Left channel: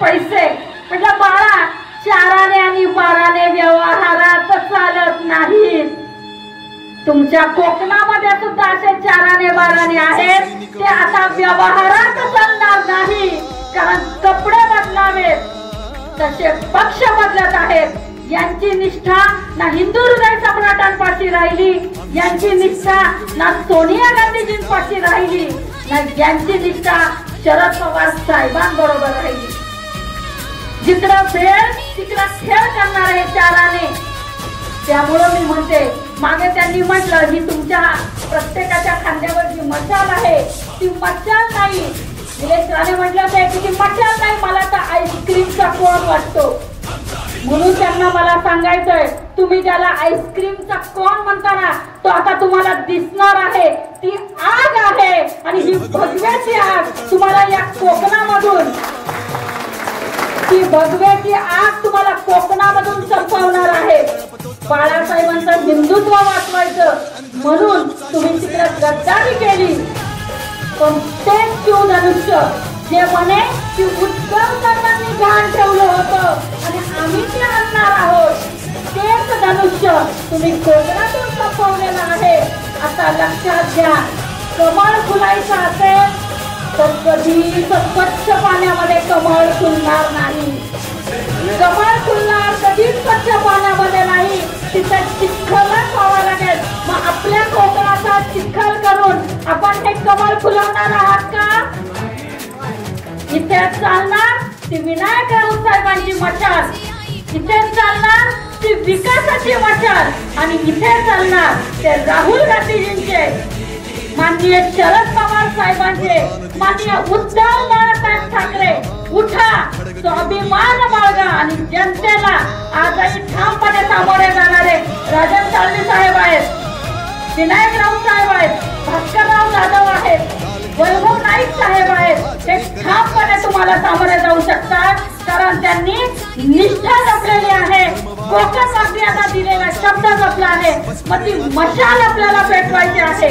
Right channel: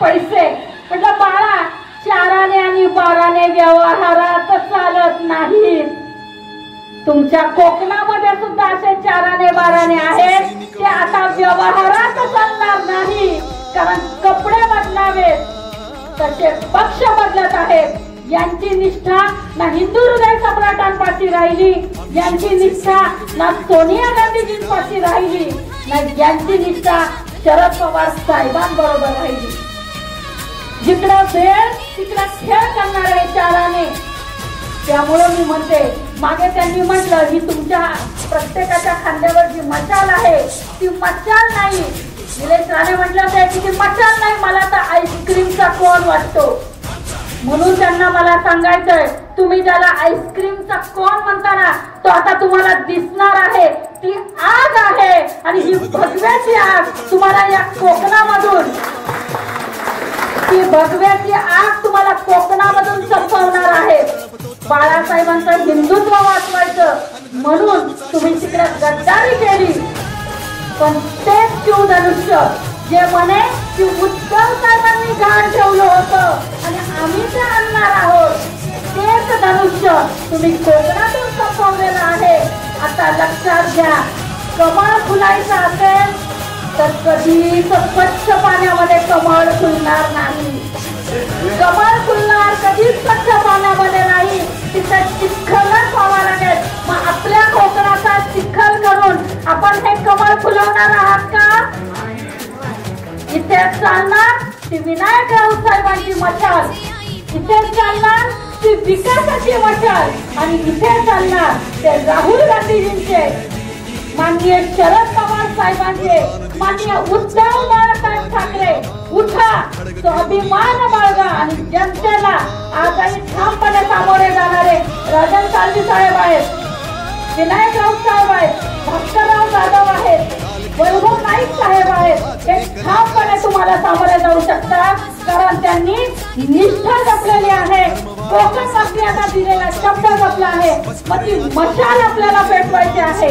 पैसे. म्हटलं बाळा, चाराने आणि बाराने व्यवहारात चालत नाही. तुमच्या कोकणामध्ये सुद्धा असे चाराने बाराने आहेत, ते आता व्यवहारात चालणार नाही. कारण कपडे बदलावेत तसे पक्ष बदलत आहेत. यांची निष्ठा ना हिंदू हृदय सम्राटांपाशी राहिली, यांची निष्ठा ना सोनिया गांधीजींपाशी राहिली, ना यांची निष्ठा शरद पवार साहेबांबरोबर राहिली. जिकडं वेळ तिकडं खेळ करणार आहे चाराने. त्यामुळे मी म्हणते, मागे त्यांनी म्हटलं ही तुमच्या प्रत्येकाच्या खांद्यावर जी मशाल आहे ती मशाल नाही. निलेश राणे म्हटलं होते की ती मशाल नाही, मला तर आईस्क्रीमचा कोन वाटतो. म्हणून त्यांना मला सांगायचंय, तुम्ही ज्याला आईस्क्रीमचा कोन म्हणता ना, तो आता तुम्हाला दिसणार आहे. ती आग आहे आणि ही भगव्याची आग तुम्हाला या कोकणामधून, ती भगव्याची आग तुम्हाला कोकणामधून संपवणार आहे. बाळासाहेबांचं हिंदुत्व वाचवायचं म्हणून तुम्ही तिकडे गद्दारी केली. पण तेच शिवधनुष्य जे म्हणे की उद्धव साहेबांनी घाण ठेवलं होतं आणि आम्ही ते आणणार आहोत, तेच धनुष्य तुम्ही कोकणातून संपवलेलं आहे. आता लक्षात घ्या, कमळ फुलायचं असेल तर कधीच स्वच्छ पाण्यामध्ये कमळ फुलणार नाही. कमळ फुलणार कधीच स्वच्छ पाण्यामध्ये नाही, तिथं चिखलच व्हावा लागेल. मग आपल्या कोकणाचा चिखल करून आपण हे कमळ फुलवणार आहात का? इथे चालणार ती विनायक राऊत साहेबांची मशाल, इथे चालणार ती विकासाची मशाल, आणि इथे चालणार ते राहुल गांधीजींचे, माननीय शरद पवार साहेबांचे, माननीय उद्धव बाळासाहेब ठाकरे. उठा, स्वाभिमान बाळगा आणि जनतेला आजही ठामपणे सामोरे जाणारे राजन साळवी साहेब आहेत, विनायक राऊत साहेब आहेत, भास्करराव जाधव आहेत, वैभव नाईक साहेब आहेत. ते ठामपणे तुम्हाला सामोरे जाऊ शकतात, कारण त्यांनी निष्ठा जपलेली आहे. कोकण मंत्र्यांना दिलेला शब्द जपला आहे. मग ती मशाल आपल्याला पेटवायची आहे.